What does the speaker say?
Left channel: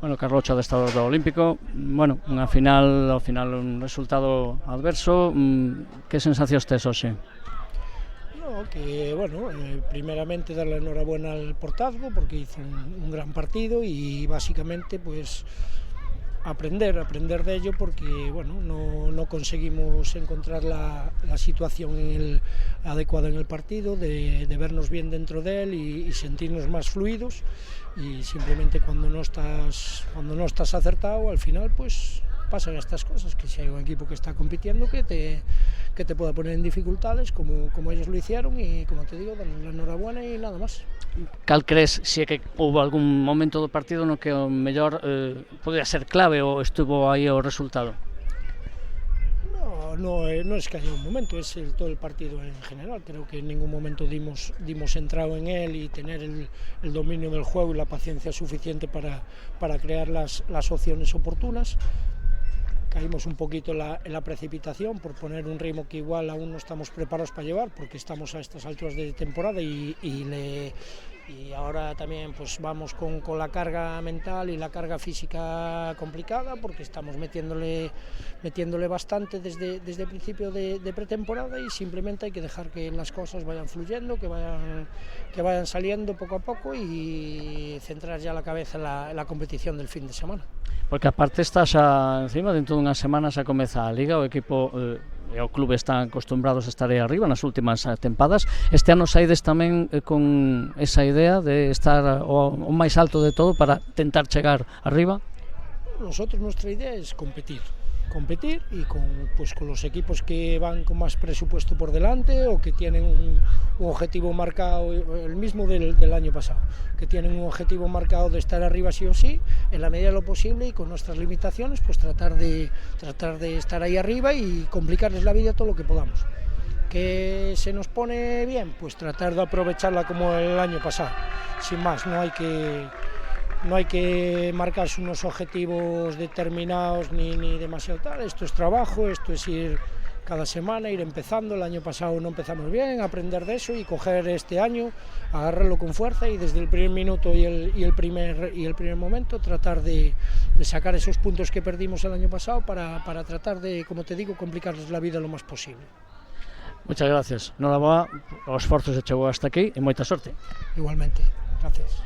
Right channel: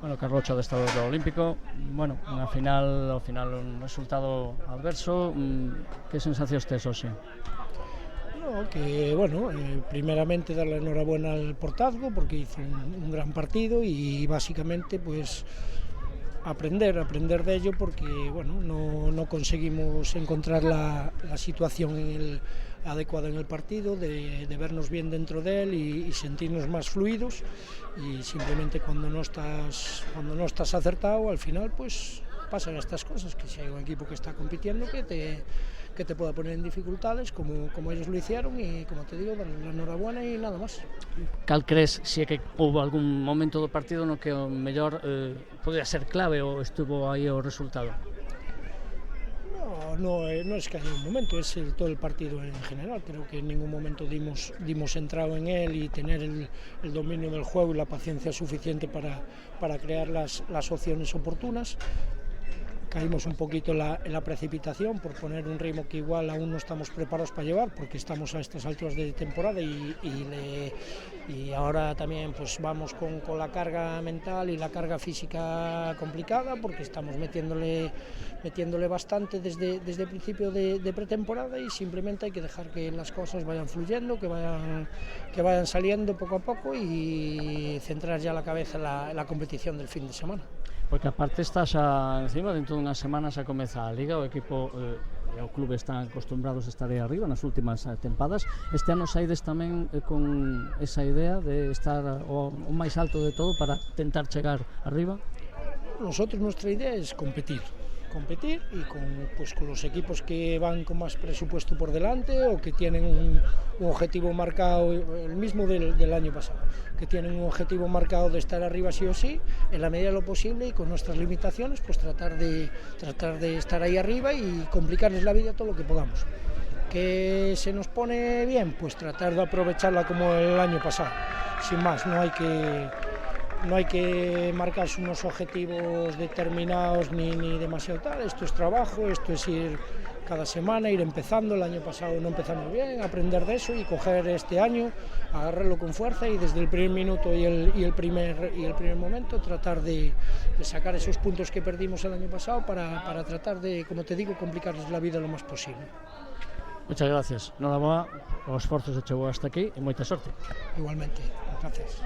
Bueno, Carlos adestrador do Olímpico, bueno, ao final un resultado adverso, que sensacións tes hoxe? No, que bueno, primeramente darle enhorabuena al Portazgo porque hizo un gran partido y básicamente pues aprender de ello porque bueno, no conseguimos encontrar la situación adecuada en el partido, de vernos bien dentro de él y sentirnos más fluidos, y simplemente cuando no estás acertado, al final pues pasan estas cosas, que si hay un equipo que está compitiendo que te pueda poner en dificultades como ellos lo hicieron, y como te digo, darles la enhorabuena y nada más. Cal crees se é que houve algún momento do partido no que o mellor podía ser clave ou estuvo aí o resultado? No es que haya un momento, es todo el partido en general. Creo que en ningún momento dimos entrado en él y tener el dominio del juego y la paciencia suficiente para crear las opciones oportunas. Caímos un poquito en la precipitación por poner un ritmo que igual aún no estamos preparados para llevar, porque estamos a estas alturas de temporada y ahora también pues vamos con la carga mental y la carga física complicada, porque estamos metiéndole bastante desde el principio de pretemporada, y simplemente hay que dejar que las cosas vayan fluyendo, que vayan saliendo poco a poco y centrar ya la cabeza en la competición del fin de semana. Porque aparte está xa encima, dentro dunhas semanas xa comeza a Liga, o equipo e o clube están acostumbrados a estar aí arriba nas últimas tempadas. Este ano saides tamén con esa idea de estar o máis alto de todo para tentar chegar arriba? Nosotros, nuestra idea es competir y con los equipos que van con más presupuesto por delante, o que tienen un objetivo marcado, el mismo del año pasado, que tienen un objetivo marcado de estar arriba sí o sí, en la medida de lo posible, y con nuestras limitaciones pues tratar de estar ahí arriba y complicarles la vida todo lo que podamos. ¿Que se nos pone bien? Pues tratar de aprovecharla como el año pasado, sin más. No hay que marcarse unos objetivos determinados ni demasiado tal. Esto es trabajo, esto es ir cada semana, ir empezando. El año pasado no empezamos bien, aprender de eso y coger este año, agarrarlo con fuerza, y desde el primer minuto y el primer momento tratar de sacar esos puntos que perdimos el año pasado para tratar de, como te digo, complicarles la vida lo más posible. Muchas gracias. Noraboa, o esforzo se chegou hasta aquí e moita sorte. Igualmente, gracias.